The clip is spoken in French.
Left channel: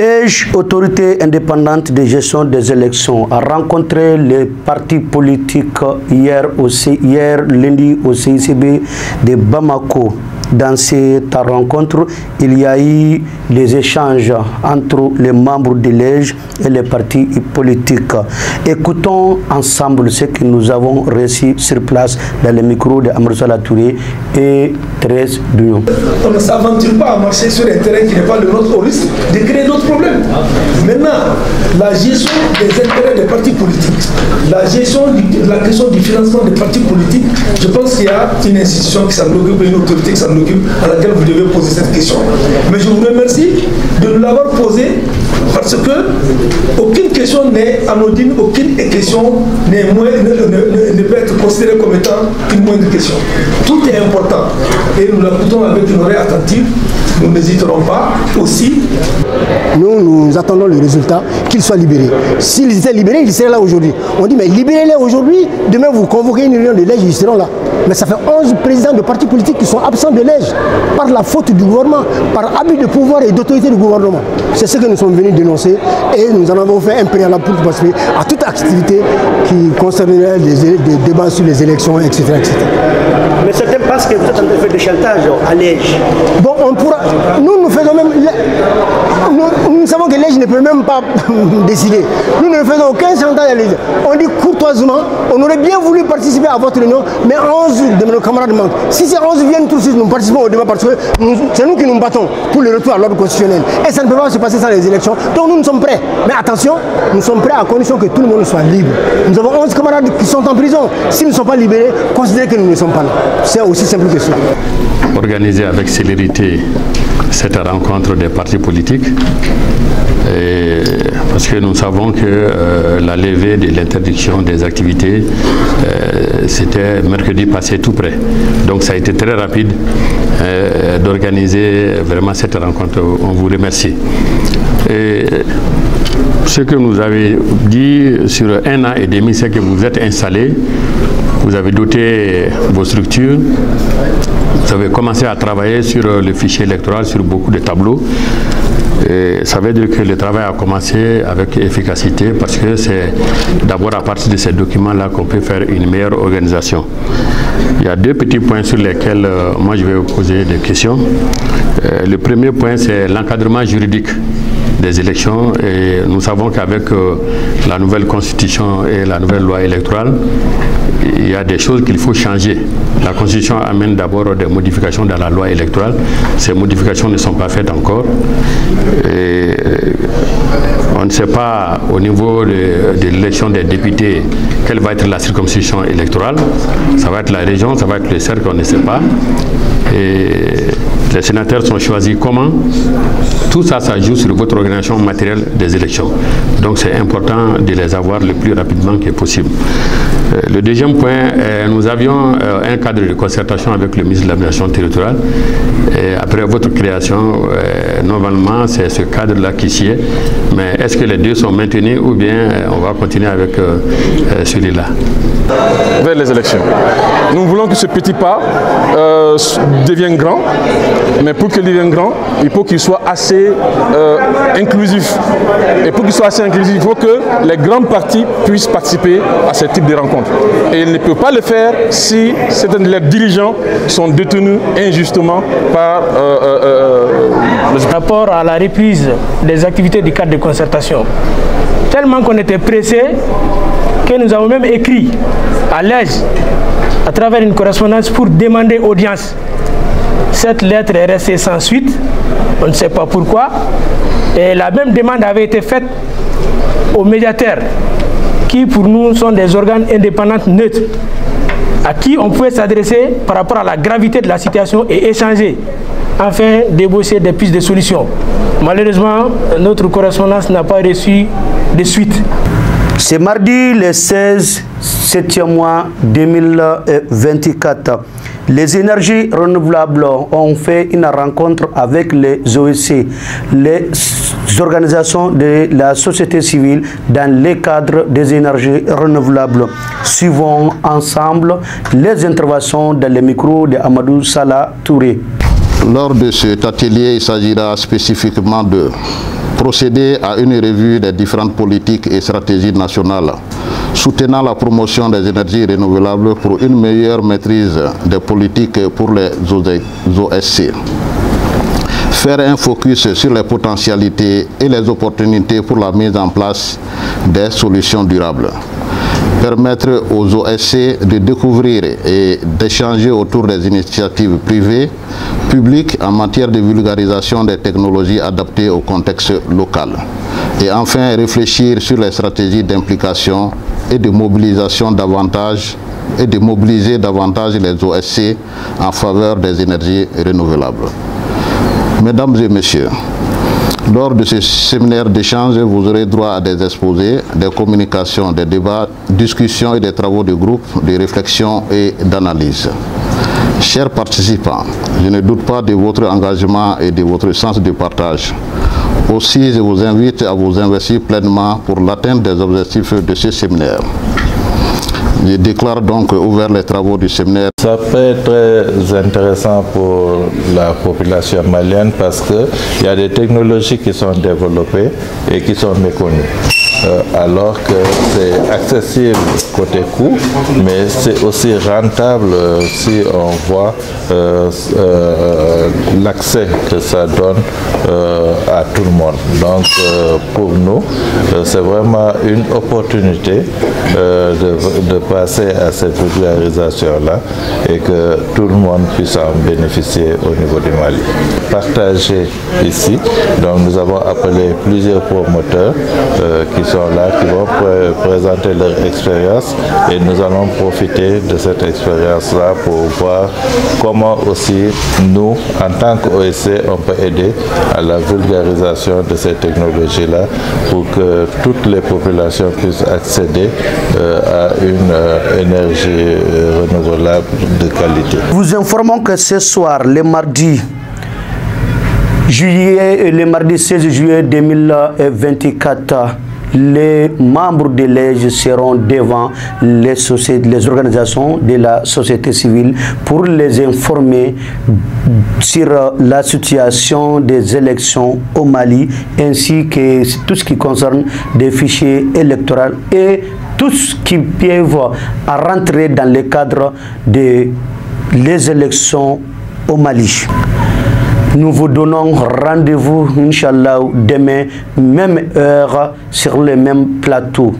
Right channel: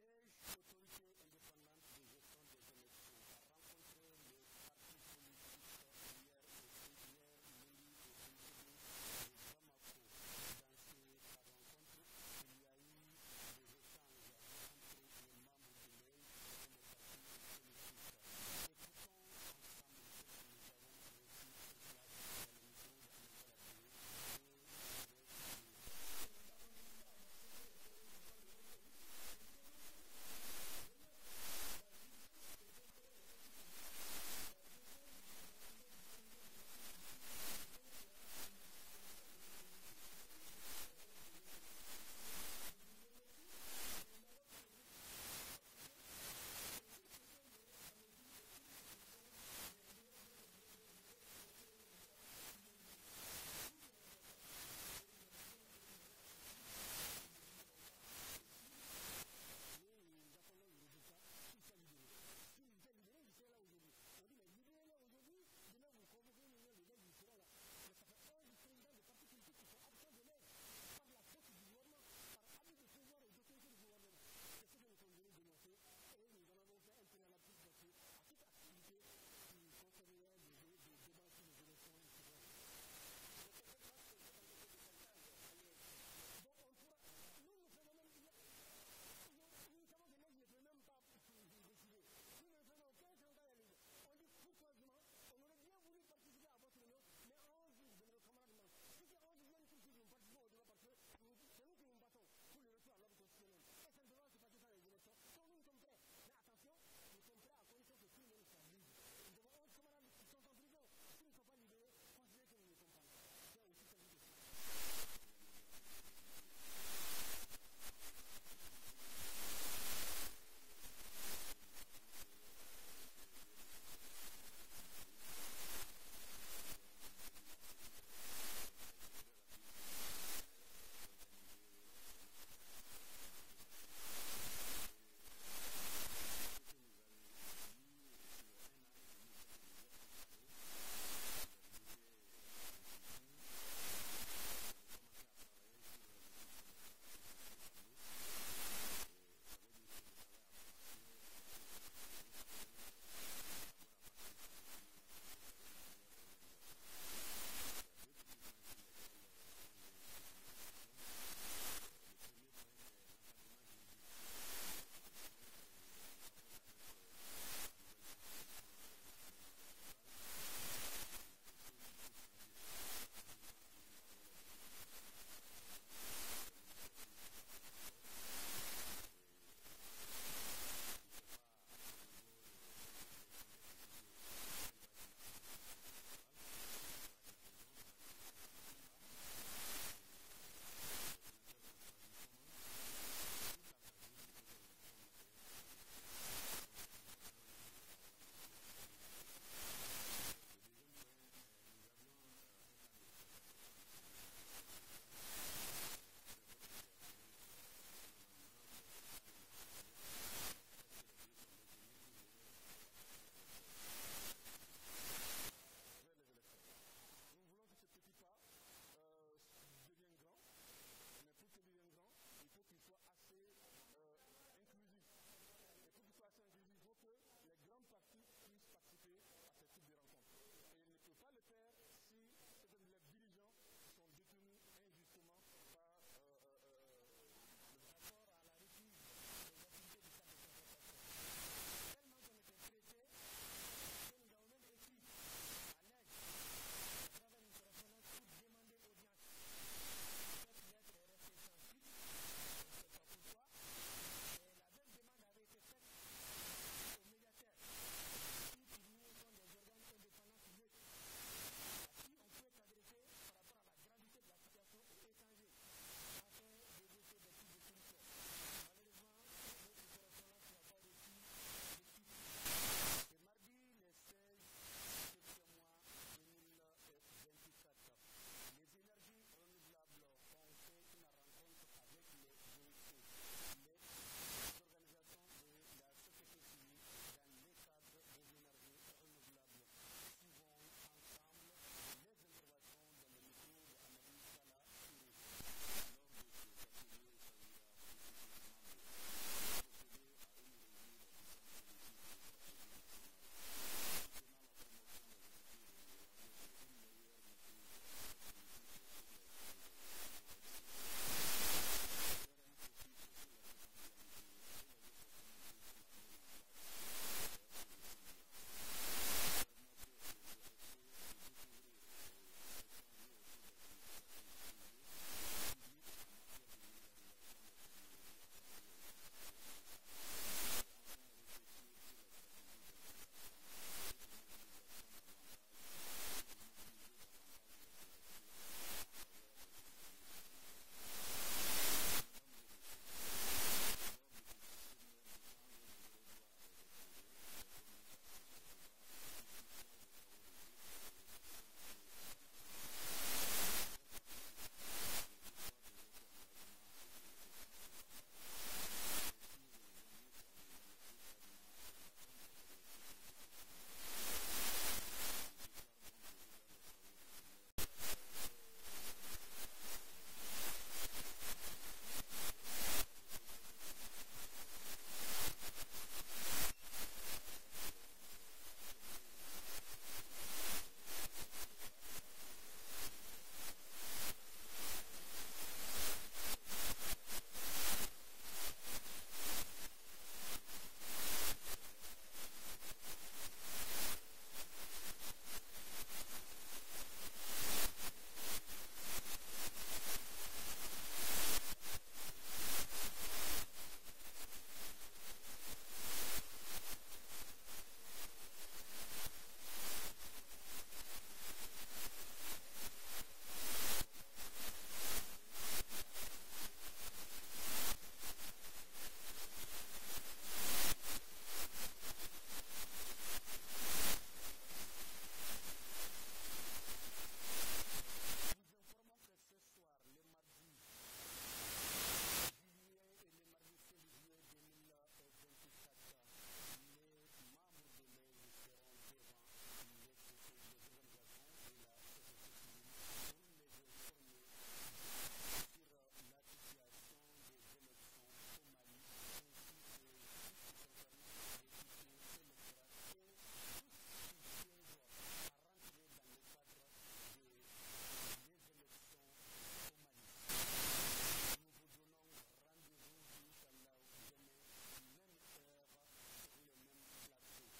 EJ, autorité indépendante de gestion des élections, a rencontré les partis politiques hier lundi au CICB de Bamako. Dans cette rencontre, il y a eu des échanges entre les membres de l'EJ et les partis politiques. Écoutons ensemble ce que nous avons reçu sur place dans le micro de Amadou Sala Touré et Thérèse Douillon. On ne s'aventure pas à marcher sur un terrain qui n'est pas le nôtre au risque de créer d'autres problèmes. Maintenant, la gestion des intérêts des partis politiques, la gestion de la question du financement des partis politiques, je pense qu'il y a une institution qui s'en occupe, une autorité qui s'en occupe, à laquelle vous devez poser cette question. Mais je vous remercie de nous l'avoir posée parce que aucune question n'est anodine, aucune question ne peut être considérée comme étant une moindre question. Tout est important et nous l'écoutons avec une oreille attentive. Nous n'hésiterons pas aussi. Nous attendons le résultat, qu'ils soient libérés. S'ils étaient libérés, ils seraient là aujourd'hui. On dit, mais libérez-les aujourd'hui, demain vous convoquez une réunion de l'EJ, ils seront là. Mais ça fait 11 présidents de partis politiques qui sont absents de l'EJ par la faute du gouvernement, par abus de pouvoir et d'autorité du gouvernement. C'est ce que nous sommes venus dénoncer et nous en avons fait un préalable pour participer à toute activité qui concernerait des débats sur les élections, etc. etc. Mais certains pensent que vous êtes en train de faire des chantages à l'EJ. Bon, on pourra. Nous faisons même. Nous savons que l'EJ ne peut même pas décider. Nous ne faisons aucun chantage à l'EJ. On dit courtoisement, on aurait bien voulu participer à votre réunion, mais 11 de nos camarades manquent. Si ces 11 viennent tout de suite, nous participons au débat parce que c'est nous qui nous battons pour le retour à l'ordre constitutionnel. Et ça ne peut pas se passer sans les élections. Donc nous sommes prêts. Mais attention, nous sommes prêts à condition que tout le monde soit libre. Nous avons 11 camarades qui sont en prison. S'ils ne sont pas libérés, considérez que nous ne sommes pas là. C'est aussi simple que cela. Organiser avec célérité cette rencontre des partis politiques, parce que nous savons que la levée de l'interdiction des activités, c'était mercredi passé tout près. Donc ça a été très rapide d'organiser vraiment cette rencontre. On vous remercie. Et ce que nous avez dit sur 1 an et demi, c'est que vous êtes installés, vous avez doté vos structures, vous avez commencé à travailler sur le fichier électoral, sur beaucoup de tableaux. Et ça veut dire que le travail a commencé avec efficacité parce que c'est d'abord à partir de ces documents-là qu'on peut faire une meilleure organisation. Il y a 2 petits points sur lesquels moi je vais vous poser des questions. Le premier point, c'est l'encadrement juridique des élections et nous savons qu'avec la nouvelle constitution et la nouvelle loi électorale, il y a des choses qu'il faut changer. La constitution amène d'abord des modifications dans la loi électorale. Ces modifications ne sont pas faites encore. Et on ne sait pas au niveau de l'élection des députés quelle va être la circonscription électorale. Ça va être la région, ça va être le cercle, on ne sait pas. Et les sénateurs sont choisis comment? Tout ça, ça joue sur votre organisation matérielle des élections. Donc c'est important de les avoir le plus rapidement que possible. Le deuxième point, nous avions un cadre de concertation avec le ministre de l'aménagement territorial. Et après votre création, normalement, c'est ce cadre-là qui s'y est. Mais est-ce que les deux sont maintenus ou bien on va continuer avec celui-là? Vers les élections. Nous voulons que ce petit pas devienne grand, mais pour qu'il devienne grand, il faut qu'il soit assez inclusif. Et pour qu'il soit assez inclusif, il faut que les grands partis puissent participer à ce type de rencontres. Et il ne peut pas le faire si certains de leurs dirigeants sont détenus injustement par le rapport à la reprise des activités du cadre de concertation. Tellement qu'on était pressé que nous avons même écrit à l'EJ à travers une correspondance pour demander audience. Cette lettre est restée sans suite, on ne sait pas pourquoi. Et la même demande avait été faite aux médiateurs, qui pour nous sont des organes indépendants neutres, à qui on pouvait s'adresser par rapport à la gravité de la situation et échanger, afin d'ébaucher des pistes de solutions. Malheureusement, notre correspondance n'a pas reçu de suite. C'est mardi le 16 7e mois 2024. Les énergies renouvelables ont fait une rencontre avec les OEC, les organisations de la société civile dans le cadre des énergies renouvelables. Suivons ensemble les interventions dans le micro de Amadou Sala Touré. Lors de cet atelier, il s'agira spécifiquement de procéder à une revue des différentes politiques et stratégies nationales, soutenant la promotion des énergies renouvelables pour une meilleure maîtrise des politiques pour les OSC. Faire un focus sur les potentialités et les opportunités pour la mise en place des solutions durables. Permettre aux OSC de découvrir et d'échanger autour des initiatives privées, publiques en matière de vulgarisation des technologies adaptées au contexte local. Et enfin, réfléchir sur les stratégies d'implication et de mobilisation davantage et de mobiliser davantage les OSC en faveur des énergies renouvelables. Mesdames et messieurs, lors de ce séminaire d'échange, vous aurez droit à des exposés, des communications, des débats, discussions et des travaux de groupe, de réflexion et d'analyse. Chers participants, je ne doute pas de votre engagement et de votre sens de partage. Aussi, je vous invite à vous investir pleinement pour l'atteinte des objectifs de ce séminaire. Je déclare donc ouvert les travaux du séminaire. Ça peut être très intéressant pour la population malienne parce qu'il y a des technologies qui sont développées et qui sont méconnues. Alors que c'est accessible côté coût, mais c'est aussi rentable si on voit l'accès que ça donne à tout le monde. Donc pour nous, c'est vraiment une opportunité de passer à cette vulgarisation-là et que tout le monde puisse en bénéficier au niveau du Mali. Partager ici, donc nous avons appelé plusieurs promoteurs qui sont là, qui vont présenter leur expérience et nous allons profiter de cette expérience-là pour voir comment aussi nous, en tant qu'OSC, on peut aider à la vulgarisation de ces technologies-là pour que toutes les populations puissent accéder à une énergie renouvelable de qualité. Vous informons que ce soir, le mardi 16 juillet 2024, les membres de l'EJ seront devant les organisations de la société civile pour les informer sur la situation des élections au Mali ainsi que tout ce qui concerne des fichiers électoraux et tout ce qui peut rentrer dans le cadre des élections au Mali. Nous vous donnons rendez-vous, Inch'Allah, demain, même heure, sur le même plateau.